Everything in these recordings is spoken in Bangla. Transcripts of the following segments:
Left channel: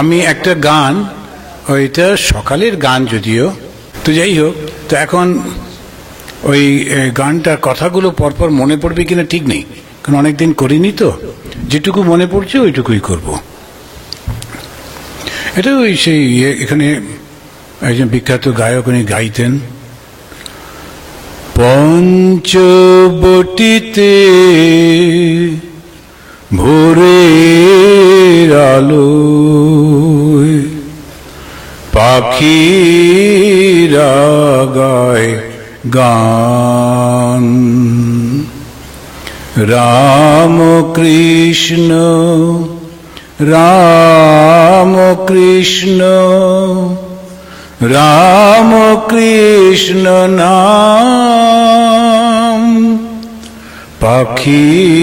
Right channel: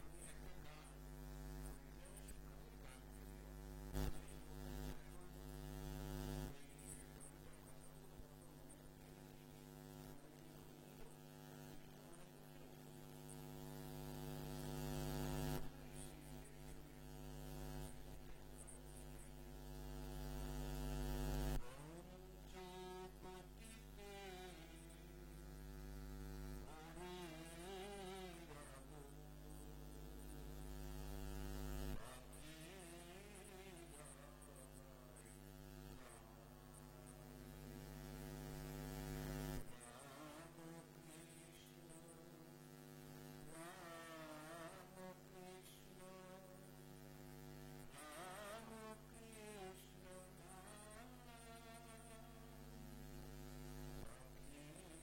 আমি একটা গান, ওইটা সকালের গান যদিও, তো যাই হোক, তো এখন ওই গানটার কথাগুলো পরপর মনে পড়বে কিনা ঠিক নেই, কারণ অনেকদিন করিনি, তো যেটুকু মনে পড়ছে ওইটুকুই করব। এটা ওই সেই এখানে একজন বিখ্যাত গায়ক উনি গাইতেন, পঞ্চবটিতে ভোরের আলোয় পাখিরা গায় গান, রাম কৃষ্ণ রাম কৃষ্ণ রাম কৃষ্ণ নাম, পাখিরা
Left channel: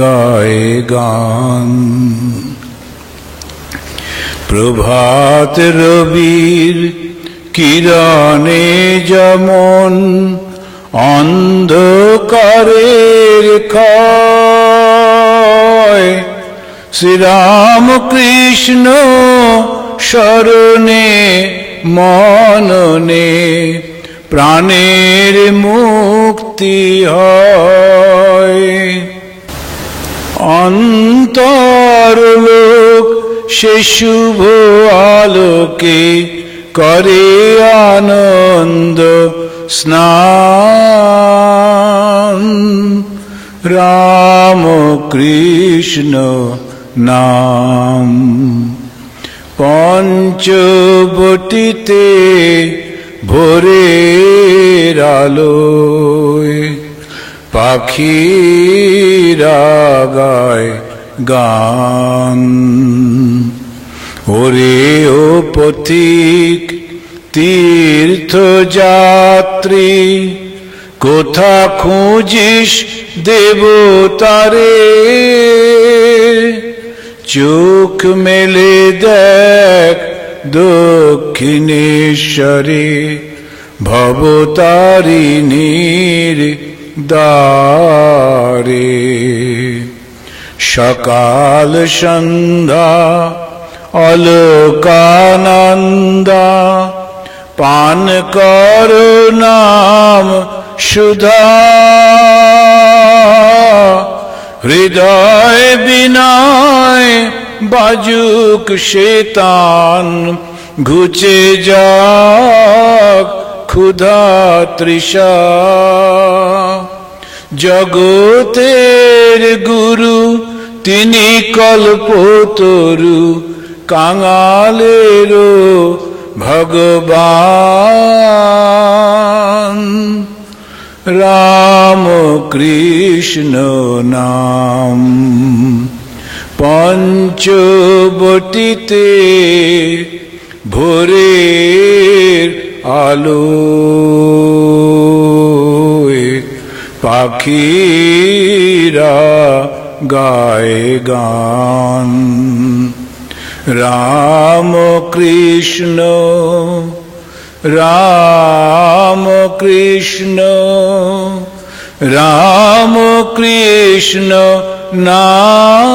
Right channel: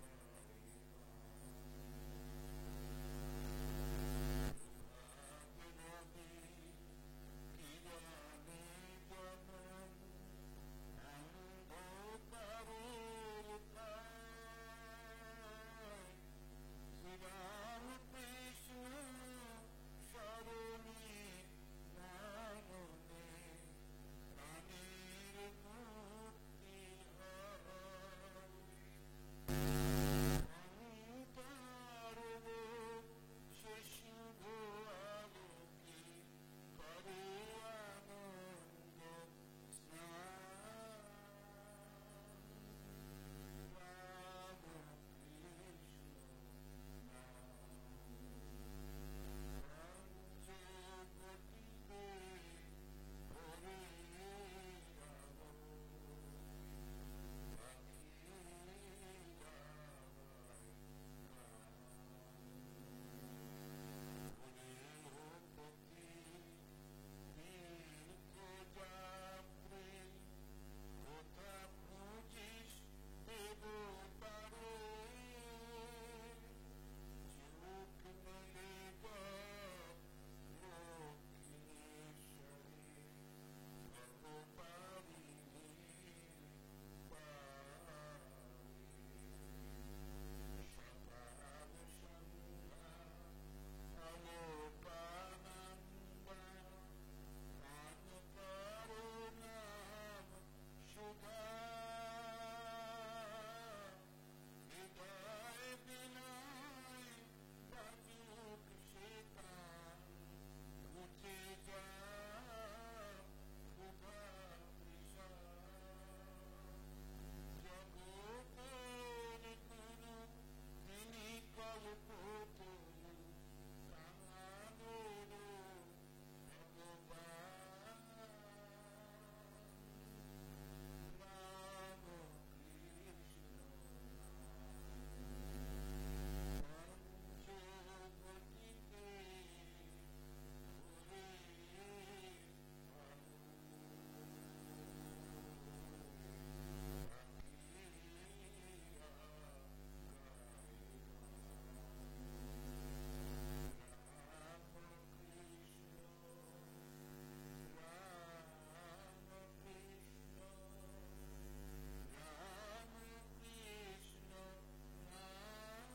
গায় গান। প্রভাত রবির কিরণে যেমন অন্ধকারের ক্ষয়, শ্রীরাম কৃষ্ণ শরণে মননে প্রাণের মুক্তি হয়। অন্তরলোক সে শুভ আলোকে করে আনন্দ স্নান, রাম কৃষ্ণ নাম। পঞ্চবটিতে ভোরের আলোয় পাখিরা গায় গান, ওরে ও পথিক তীর্থযাত্রী, কোথা খুঁজিস দেবতারে, চোখ মেলে দেখ দক্ষিণেশ্বরে ভবতারিণীর দ্বারে। সকাল সন্ধ্যা অলোকানন্দা, পান কর নাম সুধা, হৃদয় বিনয় বাজুক সেতান, ঘুচে যাক ক্ষুধা তৃষা। জগতের গুরু তিনি কল্পতরু, কাঙালেরও ভগবান, রাম কৃষ্ণ নাম। পঞ্চবটিতে ভোরের আলোয় পাখিরা গায় গান, রাম কৃষ্ণ রাম কৃষ্ণ রাম কৃষ্ণ নাম।